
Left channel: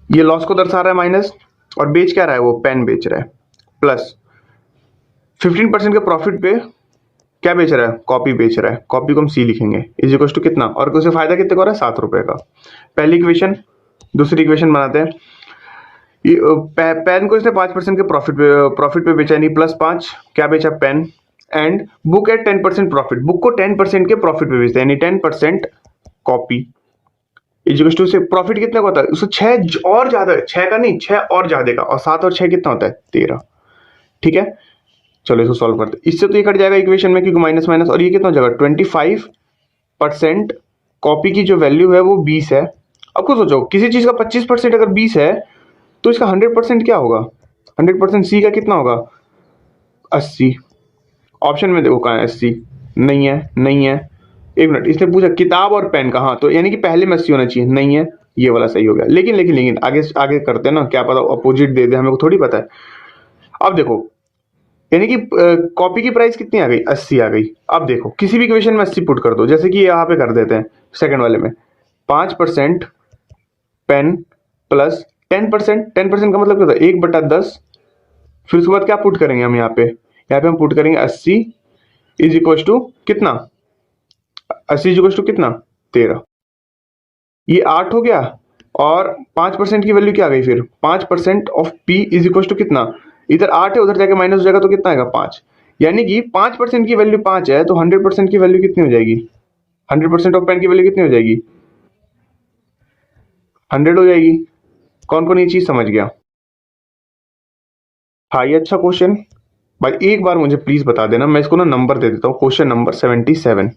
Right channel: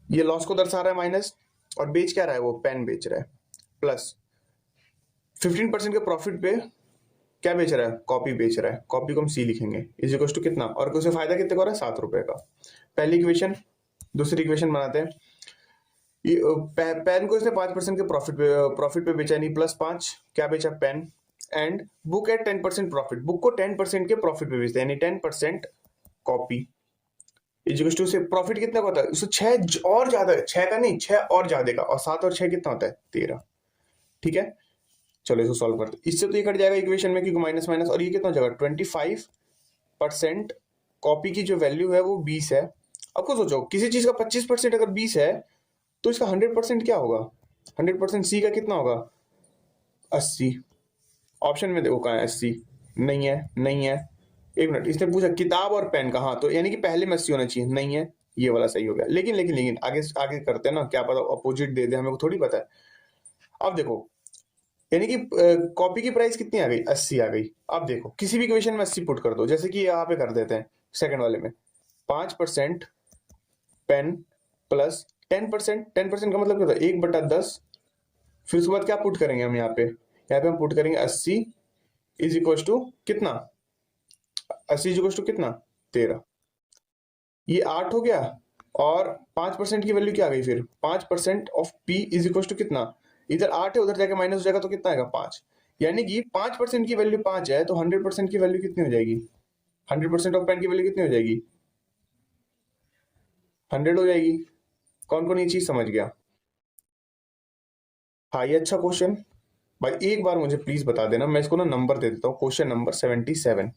ये लॉस को दर्शा रहा है माइनस, और बेच क्या रहा है? वो पेन बेच रहा है। प्लस 15% के प्रॉफिट पे क्या बेच रहा है? कॉपी बेच रहा है। कॉपी को हम सी लिखेंगे, इज इक्वल टू कितना, और उसे फायदा कितने का हो रहा है? 7 रुपए का। पहली इक्वेशन, दूसरी इक्वेशन बनाते हैं। पेन को इसने 5% के प्रॉफिट पे बेचा, यानी +5। क्या बेचा? Pen. And book at 10% profit, book को 10% के प्रॉफिट पे बेचता है, यानी 10% कॉपी। इजिकल्स टू से प्रॉफिट कितने का होता है? उससे 6 और ज्यादा, 6 का नहीं, 6 और ज्यादा का, और 7 और 6 कितना होता है? 13। ठीक है, चलो इसको सॉल्व करते हैं। इससे तो ये कट जाएगा इक्वेशन में, क्योंकि माइनस माइनस, और ये कितना हो जाएगा? 25% कॉपी की जो वैल्यू है वो 20 है। अब खुद सोचो, किसी चीज का 25% अगर 20 है तो इसका 100% क्या होगा? 100% सी का कितना होगा? 80। ऑप्शन में देखो कहाँ है 80? नहीं है, नहीं है। एक मिनट, इसने पूछा किताब और पेन का, हाँ तो यानी कि पहले में 80 होना चाहिए, नहीं है, ये वाला सही हो गया। लेकिन लेकिन लेकिन आगे आगे करते हैं ना, क्या पता अपोजिट दे दे, हमें को थोड़ी पता है। अब देखो, यानी कि कॉपी की प्राइस कितनी आ गई? 80 आ गई। अब देखो किसी भी इक्वेशन में 80 पुट कर दो, जैसे कि यहाँ पे कर देते हैं सेकंड वाले में 5% पेन प्लस 10%। 10% का मतलब क्या होता है? 1/10। फिर उसके बाद क्या पुट करेंगे हम यहाँ पे हम पुट करेंगे 80 इज इक्वल टू कितना? 80 इज इक्वल टू कितना? 13। ये 8 हो गया। और 5% की वैल्यू क्या आ गई फिर? 5% of P is equal to कितना? इधर 8 है, उधर जाके माइनस हो जाएगा तो कितना आएगा? 5। यानी कि 5% की वैल्यू 5 है, तो 100% की वैल्यू कितनी हो जाएगी? 100% ऑफ पेन की वैल्यू कितनी हो जाएगी? 100 हो जाएगी। कौन कौन ये चीज समझ गया? हाँ, ये अच्छा क्वेश्चन। भाई एक बार मुझे प्लीज बता देना, मैं इसको ना नंबर दे देता हूँ, question number 77।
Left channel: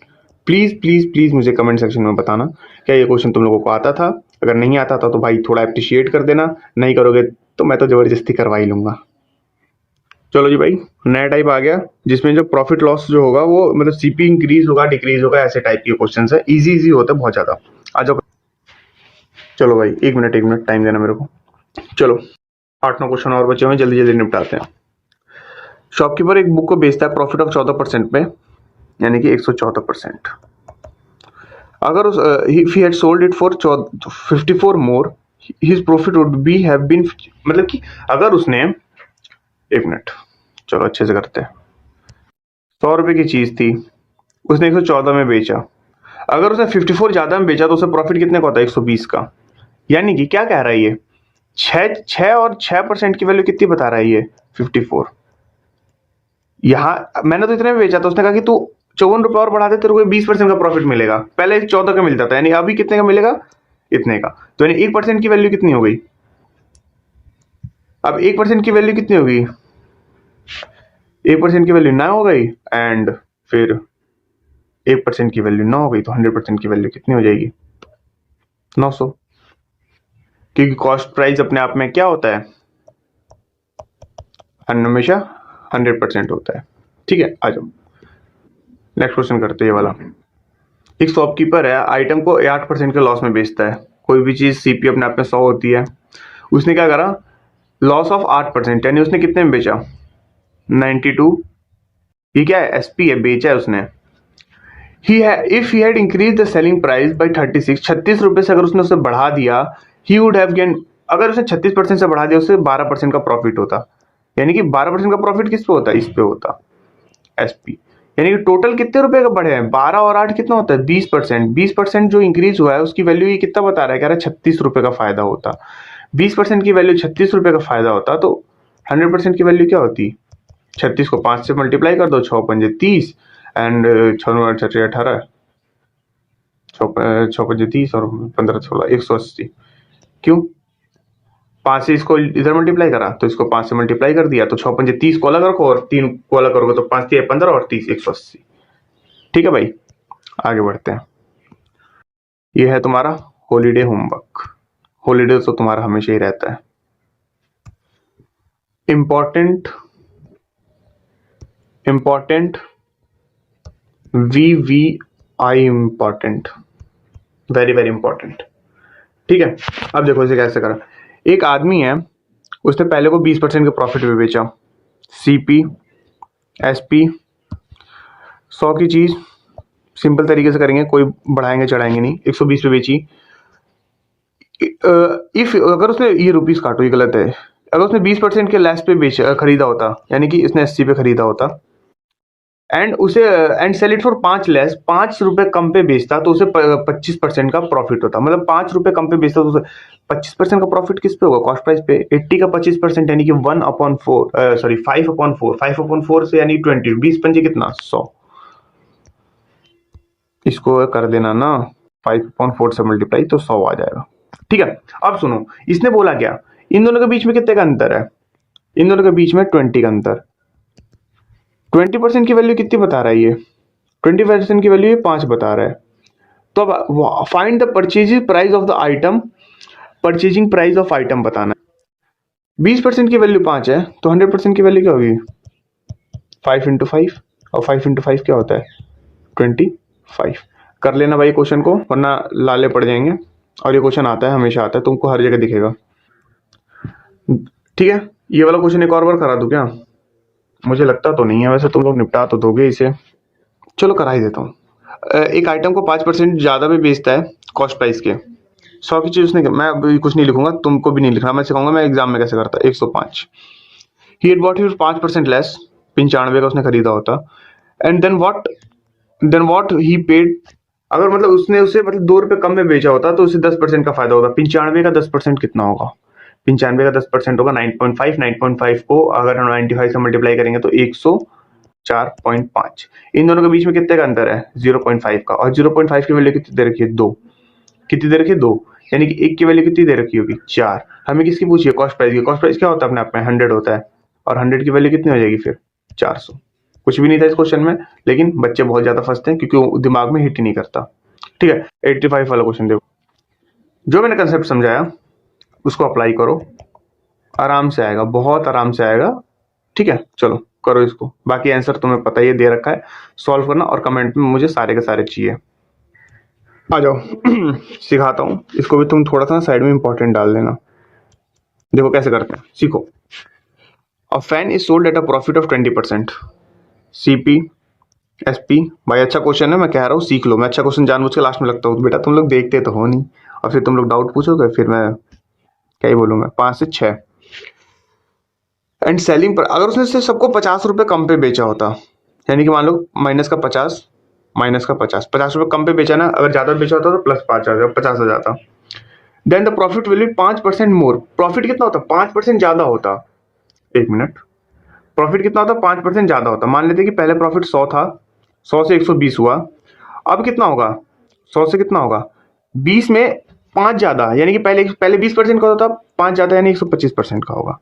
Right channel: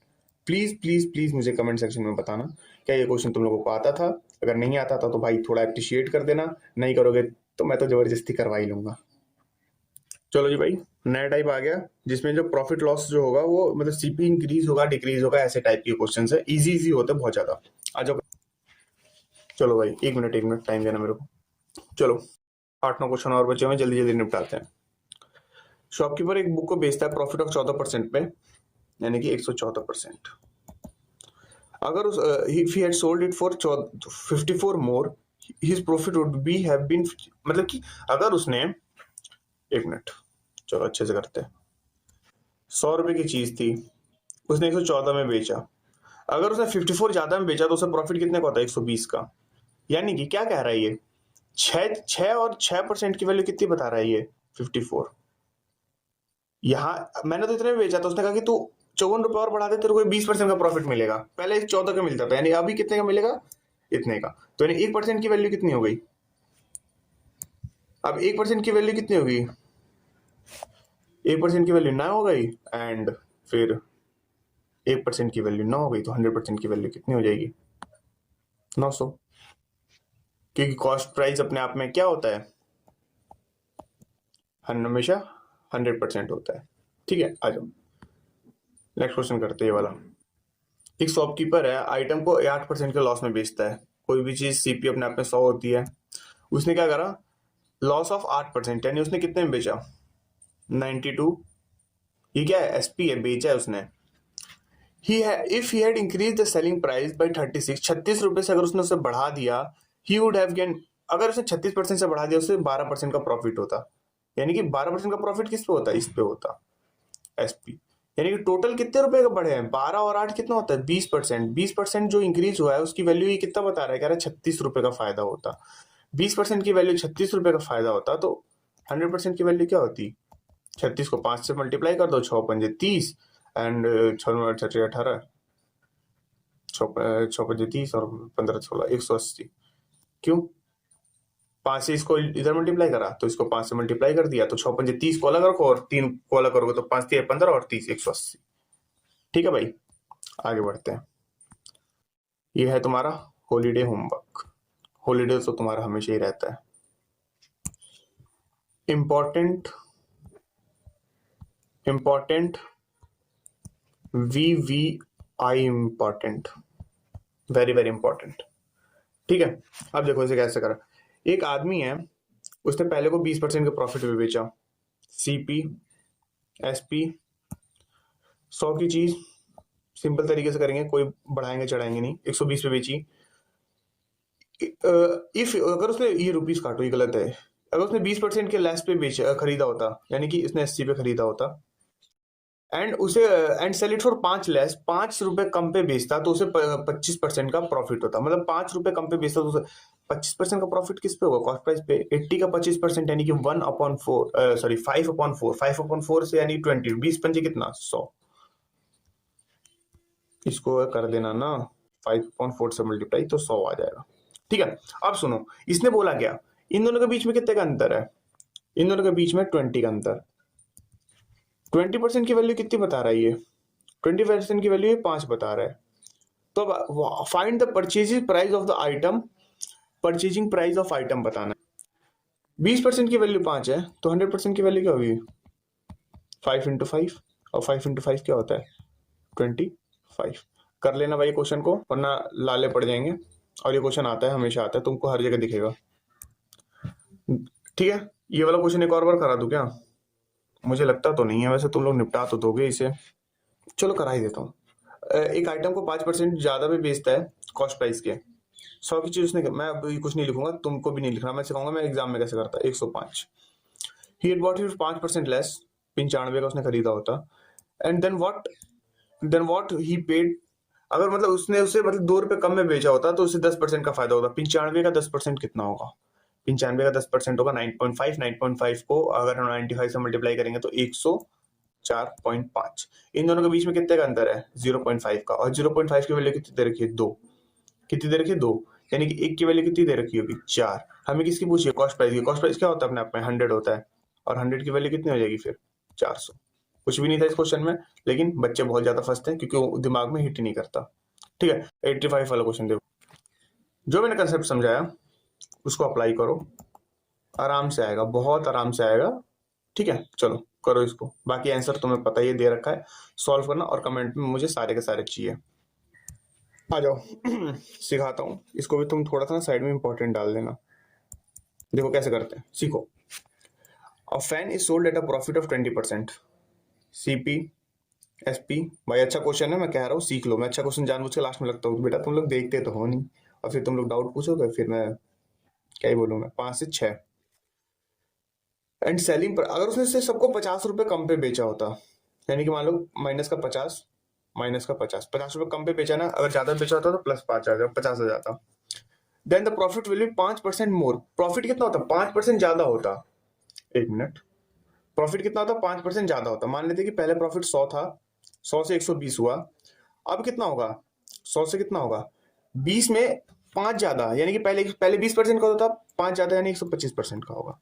Please please please मुझे कमेंट सेक्शन में बताना क्या ये क्वेश्चन तुम लोगों को आता था। अगर नहीं आता था तो भाई थोड़ा अप्रिशिएट कर देना, नहीं करोगे तो मैं तो जबरदस्ती करवा ही लूंगा। चलो जी भाई, नया टाइप आ गया जिसमें जो प्रॉफिट लॉस जो होगा वो मतलब सीपी इंक्रीज होगा डिक्रीज होगा, ऐसे टाइप के क्वेश्चन है। इजी इजी होता है बहुत ज्यादा। आ जाओ। चलो भाई, एक मिनट टाइम देना मेरे को। चलो 8-9 क्वेश्चन और बचे हुए, जल्दी जल्दी निपटाते हैं। शॉपकीपर एक बुक को बेचता है प्रॉफिट ऑफ 14% पे, यानी कि 114%। अगर उस if he had sold it for 54 more, his profit would be have been, मतलब कि अगर उसने, एक मिनट, चलो अच्छे से करते हैं। 100 रुपए की चीज थी, उसने 114 में बेचा। अगर उसने 54 ज्यादा में बेचा तो उसे प्रॉफिट कितने का होता है? 120 का। यानी कि क्या कह रहा है ये? 6 और 6% की वैल्यू कितनी बता रहा है ये? 54। यहाँ मैंने तो इतने में बेचा था, उसने कहा कि तू 54 रुपए और बढ़ा दे, तेरे को 20% का प्रॉफिट मिलेगा। पहले 14 का मिलता था, यानी अभी कितने का मिलेगा? इतने का। तो यानी 1% की वैल्यू कितनी हो गई? अब 1% की वैल्यू कितनी होगी? 1% की वैल्यू 9 हो गई, एंड फिर 1% की वैल्यू 9 हो गई, तो 100% की वैल्यू कितनी हो जाएगी? 900। क्योंकि कॉस्ट प्राइस अपने आप में क्या होता है? हमेशा 100% होता है। ठीक है, आ जाओ नेक्स्ट क्वेश्चन करते हैं ये वाला। एक शॉपकीपर है, आइटम को 8% के लॉस में बेचता है। कोई भी चीज सीपी अपने आप में 100 होती है, उसने क्या करा? लॉस ऑफ 8%, यानी उसने कितने में बेचा? 92। ये क्या है? एसपी है, बेचा है उसने। If he had increase the selling price by 36 रुपए से अगर उसने उसे बढ़ा दिया, ही वुड हैव गेन, अगर उसने 36% से बढ़ा दिया, उससे 12% का प्रॉफिट होता। यानी कि 12% का प्रॉफिट किस पे होता? इस पे होता, एसपी। यानी कि टोटल कितने रुपए का बढ़े हैं? 12 और 8 कितना होता है? 20%। 20% जो इंक्रीज हुआ है उसकी वैल्यू ये कितना बता रहा है? कह रहा है 36 रुपए का फायदा होता। 20% की वैल्यू 36 रुपए का फायदा होता, तो 100% की वैल्यू क्या होती? 36 को 5 से मल्टीप्लाई कर दो, 6×5 = 30, एंड 6×9 = 18, 6×5 = 30 और 15×16 180। क्यों? 5 से इसको इधर मल्टीप्लाई करा तो इसको 5 से मल्टीप्लाई कर दिया, तो 6×5 = 30 को अलग रखो और 3 को अलग करोगे तो 5×3 = 15 और 30 180। ठीक है भाई, आगे बढ़ते हैं। ये है तुम्हारा हॉलीडे होमवर्क। हॉलीडे तो तुम्हारा हमेशा ही रहता है। Important VVI important, very very important. ठीक है, अब देखो इसे कैसे करा। एक आदमी है, उसने पहले को 20% के प्रॉफिट में बेचा। सीपी एसपी 100 की चीज सिंपल तरीके से करेंगे, कोई बढ़ाएंगे चढ़ाएंगे नहीं। 120 पे बेची। इफ अगर उसने, ये रुपीस काटो, ये गलत है। अगर उसने 20% के लेस पे खरीदा होता, यानी कि इसने 80 पे खरीदा होता, and sell it for 5 less, 5 रुपए कम पे बेचता, तो उसे 25% का प्रॉफिट होता। मतलब 5 रुपए कम पे बेचता तो उसे 25% का प्रॉफिट किस पे होगा? कॉस्ट प्राइस पे। 80 का 25% यानी कि 1/4, सॉरी 5/4, 5/4 से यानी 20, 20×5 कितना? 100। इसको कर देना ना 5/4 से मल्टीप्लाई, तो 100 आ जाएगा। ठीक है, अब सुनो, इसने बोला क्या? इन दोनों के बीच में कितने का अंतर है? इन दोनों के बीच में 20 का अंतर। 20% की वैल्यू कितनी बता रहा है ये? 20% की वैल्यू ये 5 बता रहा है। तो अब find the purchasing price of the item, purchasing price of item बताना है। 20% की वैल्यू 5 है तो 100% की वैल्यू क्या होगी? 5 इंटू 5, और 5 इंटू 5 क्या होता है? 25। कर लेना भाई क्वेश्चन को, वरना लाले पड़ जाएंगे। और ये क्वेश्चन आता है, हमेशा आता है, तुमको हर जगह दिखेगा। ठीक है, ये वाला क्वेश्चन एक और बार करा दूं क्या? मुझे लगता तो नहीं है, वैसे तुम लोग निपटा तो दोगे इसे। चलो करा ही देता हूँ। एक आइटम को 5% ज़्यादा में बेचता है कॉस्ट प्राइस के। 100 की चीज़ उसने, मैं अभी कुछ नहीं लिखूंगा, तुमको भी नहीं लिखना, मैं सिखाऊंगा मैं एग्जाम में कैसे करता। 105 he had bought it 5% less, 95 का उसने खरीदा होता। And then what he paid, अगर मतलब उसने उसे मतलब 2 रुपये कम में बेचा होता तो उसे 10% का फायदा होता। 95 का 10% कितना होगा? 95 का 10% होगा 9.5। 9.5 को अगर हम 95 से मल्टीप्लाई करेंगे तो 104.5। इन दोनों के बीच में कितने का अंतर है? 0.5 का। और 0.5 की वैल्यू कितनी दे रखी है? 2। कितनी दे रखी है? 2। यानी कि 1 की वैल्यू कितनी दे रखी होगी? 4। हमें किसकी पूछिए? कॉस्ट प्राइस की। कॉस्ट प्राइस क्या होता है अपने आप में? 100 होता है। और 100 की वैल्यू कितनी हो जाएगी फिर? 400। कुछ भी नहीं था इस क्वेश्चन में, लेकिन बच्चे बहुत ज्यादा फंसते हैं क्योंकि वो दिमाग में हिट ही नहीं करता। ठीक है, 85 वाला क्वेश्चन देखो। जो मैंने कंसेप्ट समझाया उसको अप्लाई करो, आराम से आएगा, बहुत आराम से आएगा। ठीक है, चलो करो इसको। बाकी आंसर तुम्हें पता ही दे रखा है, सॉल्व करना और कमेंट में मुझे सारे के सारे चाहिए। आ जाओ सिखाता हूँ इसको भी, तुम थोड़ा सा साइड में इंपॉर्टेंट डाल देना। देखो कैसे करते हैं, सीखो। A fan is sold at a profit of 20%। CP SP. भाई अच्छा क्वेश्चन है, मैं कह रहा हूँ सीख लो। मैं अच्छा क्वेश्चन जानबूझ के लास्ट में लगता हूँ, बेटा तुम लोग देखते तो हो नहीं, और फिर तुम लोग डाउट पूछोगे, फिर मैं क्या ही बोलूँगा। 5 से 6। एंड सेलिंग पर, अगर उसने सिर्फ सबको 50 रुपये कम पे बेचा होता, यानी कि मान लो माइनस का 50, माइनस का 50, 50 रुपये कम पे बेचा ना, अगर ज़्यादा बेचा होता तो प्लस 5 आ जाता, 50 आ जाता। Then the profit will be 5% more. Profit कितना होता? 5% ज़्यादा होता। 1 मिनट, प्रॉफिट कितना होता? 5% ज़्यादा होता। मान लेते कि पहले प्रॉफिट 100 था, 100 से 120 हुआ, अब कितना होगा? 100 से कितना होगा? 20 में 5 ज़्यादा, यानी कि पहले पहले 20% का होता, 5 ज़्यादा यानी 125% का होगा।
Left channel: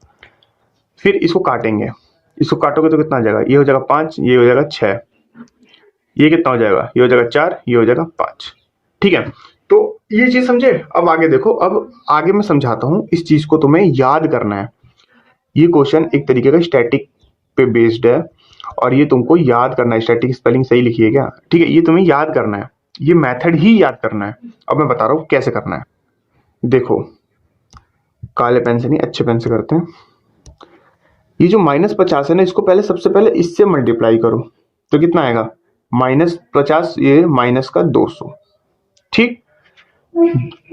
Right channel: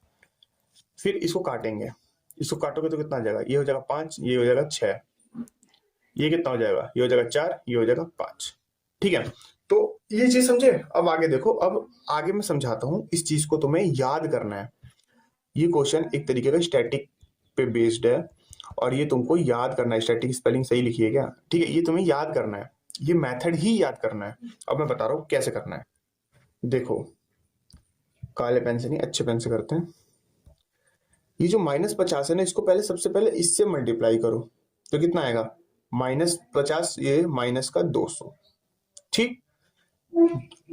फिर इसको काटेंगे, इसको काटोगे तो कितना आ जाएगा? ये हो जाएगा 5, ये हो जाएगा 6, ये कितना हो जाएगा? ये हो जाएगा 4, ये हो जाएगा 5। ठीक है, तो ये चीज समझे। अब आगे देखो, अब आगे मैं समझाता हूं, इस चीज को तुम्हें याद करना है। ये क्वेश्चन एक तरीके का स्टैटिक पे बेस्ड है, और ये तुमको याद करना है। स्टैटिक स्पेलिंग सही लिखी है क्या? ठीक है, ये तुम्हें याद करना है, ये मेथड ही याद करना है। अब मैं बता रहा हूं कैसे करना है। देखो, काले पेन से नहीं, अच्छे पेन से करते हैं। ये जो -50 है ना, इसको पहले सबसे पहले इससे मल्टीप्लाई करो तो कितना आएगा? -50, ये माइनस का 200। ठीक,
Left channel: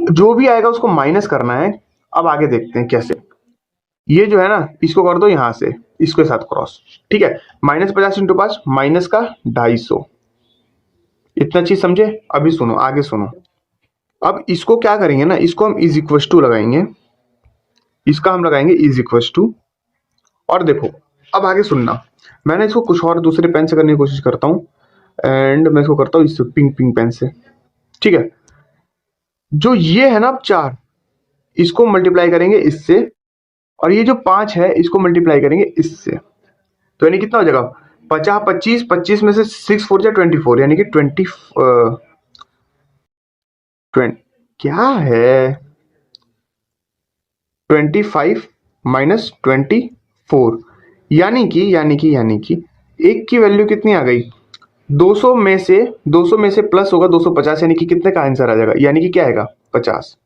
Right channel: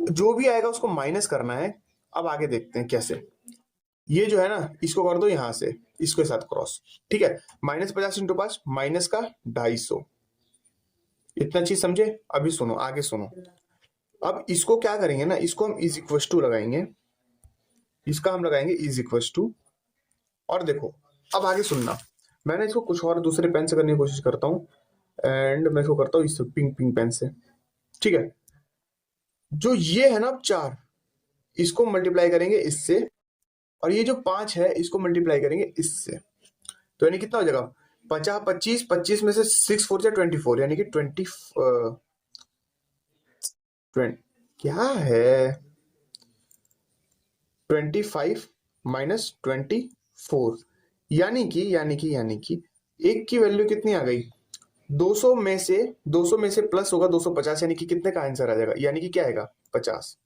जो भी आएगा उसको माइनस करना है। अब आगे देखते हैं कैसे। ये जो है ना, इसको कर दो यहां से इसके साथ क्रॉस। ठीक है, -50 इंटू 5 माइनस का 250। इतना चीज समझे? अभी सुनो, आगे सुनो। अब इसको क्या करेंगे ना, इसको हम इज इक्वल टू लगाएंगे, इसका हम लगाएंगे इज इक्वल टू। और देखो, अब आगे सुनना, मैंने इसको कुछ और दूसरे पेन से करने की कोशिश करता हूँ, एंड मैं इसको करता हूँ इससे, पिंक पेन से। ठीक है, जो ये है ना, अब 4, इसको मल्टीप्लाई करेंगे इससे, और ये जो 5 है इसको मल्टीप्लाई करेंगे इससे, तो यानी कितना हो जाएगा? 50, 25, 25 में से 6 4 जा 24, यानी कि 20 क्या है, 25 माइनस 24, यानी कि एक की वैल्यू कितनी आ गई? 200 में से प्लस होगा 250, यानी कि कितने का आंसर आ जाएगा? यानी कि क्या आएगा? 50।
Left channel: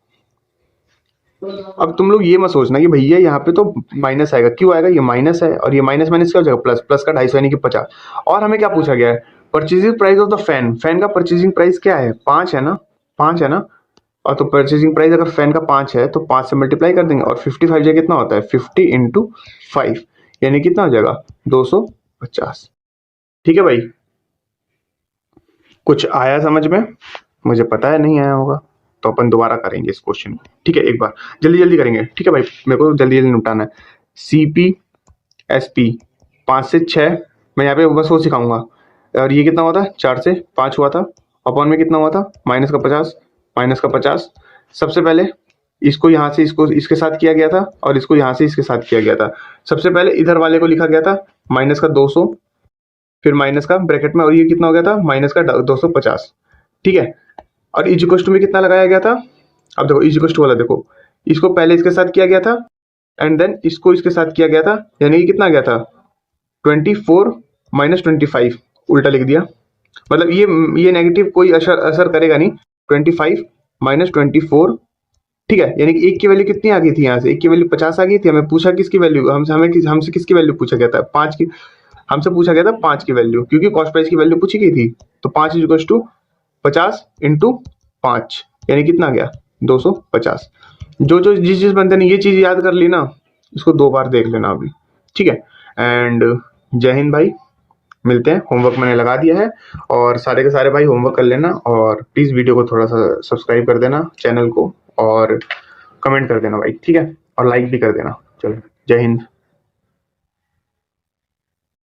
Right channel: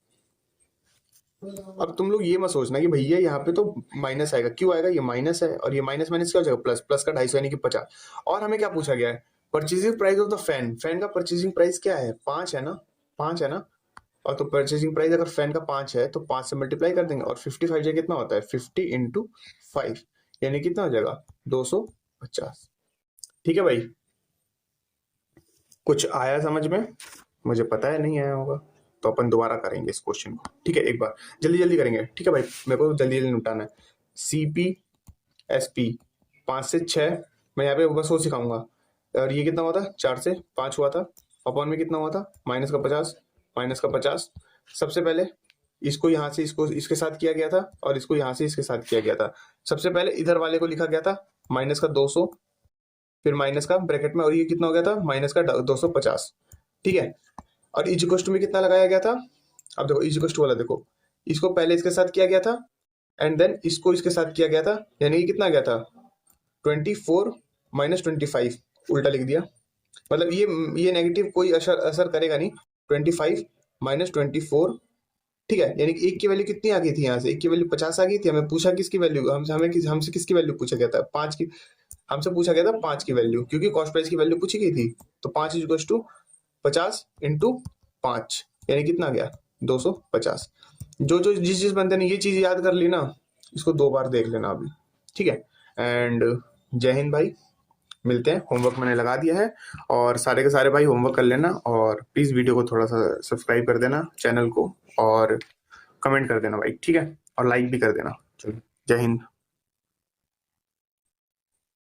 अब तुम लोग ये मत सोचना कि भैया यहाँ पे तो माइनस आएगा, क्यों आएगा? ये माइनस है, और ये माइनस माइनस क्या हो जाएगा? प्लस, प्लस का 250 यानी कि 50। और हमें क्या पूछा गया है? Purchasing price of the fan. Fan का परचेजिंग प्राइस क्या है? 5 है ना, 5 है ना। और तो परचेजिंग प्राइस अगर फैन का 5 है तो 5 से मल्टीप्लाई कर देंगे, और 55 जो कितना होता है? 50 इंटू 5, यानी कितना हो जाएगा? 250। ठीक है भाई, कुछ आया समझ में? मुझे पता है नहीं आया होगा, तो अपन दोबारा करेंगे इस क्वेश्चन को। ठीक है, एक बार जल्दी जल्दी करेंगे। ठीक है भाई, मेरे को जल्दी जल्दी निपटाना है। CP SP 5 से 6, मैं यहाँ पे बस वो सिखाऊंगा। और ये कितना हुआ था? 4 से 5 हुआ था। अपॉन में कितना हुआ था? माइनस का 50, माइनस का 50। सबसे पहले इसको यहाँ से इसको इसके साथ किया गया था, और इसको यहाँ से इसके साथ किया गया था। सबसे पहले इधर वाले को लिखा गया था माइनस का 200, फिर माइनस का ब्रैकेट में, और ये कितना हो गया था? माइनस का 250। ठीक है, और इज इक्वल टू में कितना लगाया गया था। अब देखो इज इक्वल टू वाला देखो, इसको पहले इसके साथ किया गया था एंड देन इसको इसके साथ किया गया था, यानी कि कितना गया था 24 माइनस 25, उल्टा लिख दिया। मतलब ये नेगेटिव कोई असर करेगा नहीं। 25 माइनस 24, ठीक है, यानी कि एक की वैल्यू कितनी आ गई थी यहाँ से, एक की वैल्यू 50 आ गई थी। हमें पूछा किसकी वैल्यू, हमसे किसकी वैल्यू पूछा गया था, 5 की। हमसे पूछा गया था 5 की वैल्यू, क्योंकि कॉस्ट प्राइस की वैल्यू पूछी गई थी। तो 5 इज इक्वल टू 50 इंटू 5, यानी कितना गया 250। जिस बंदे ने ये चीज याद कर ली ना, इसको 2 बार देख लेना अभी, ठीक है। एंड जय हिंद भाई, मिलते हैं। होमवर्क मैंने लगा दिया है और सारे के सारे भाई होमवर्क कर लेना, और प्लीज़ वीडियो को थोड़ा सा सब्सक्राइब कर देना चैनल को, और कमेंट कर देना भाई, ठीक है, और लाइक भी कर देना। चलो, जय हिंद।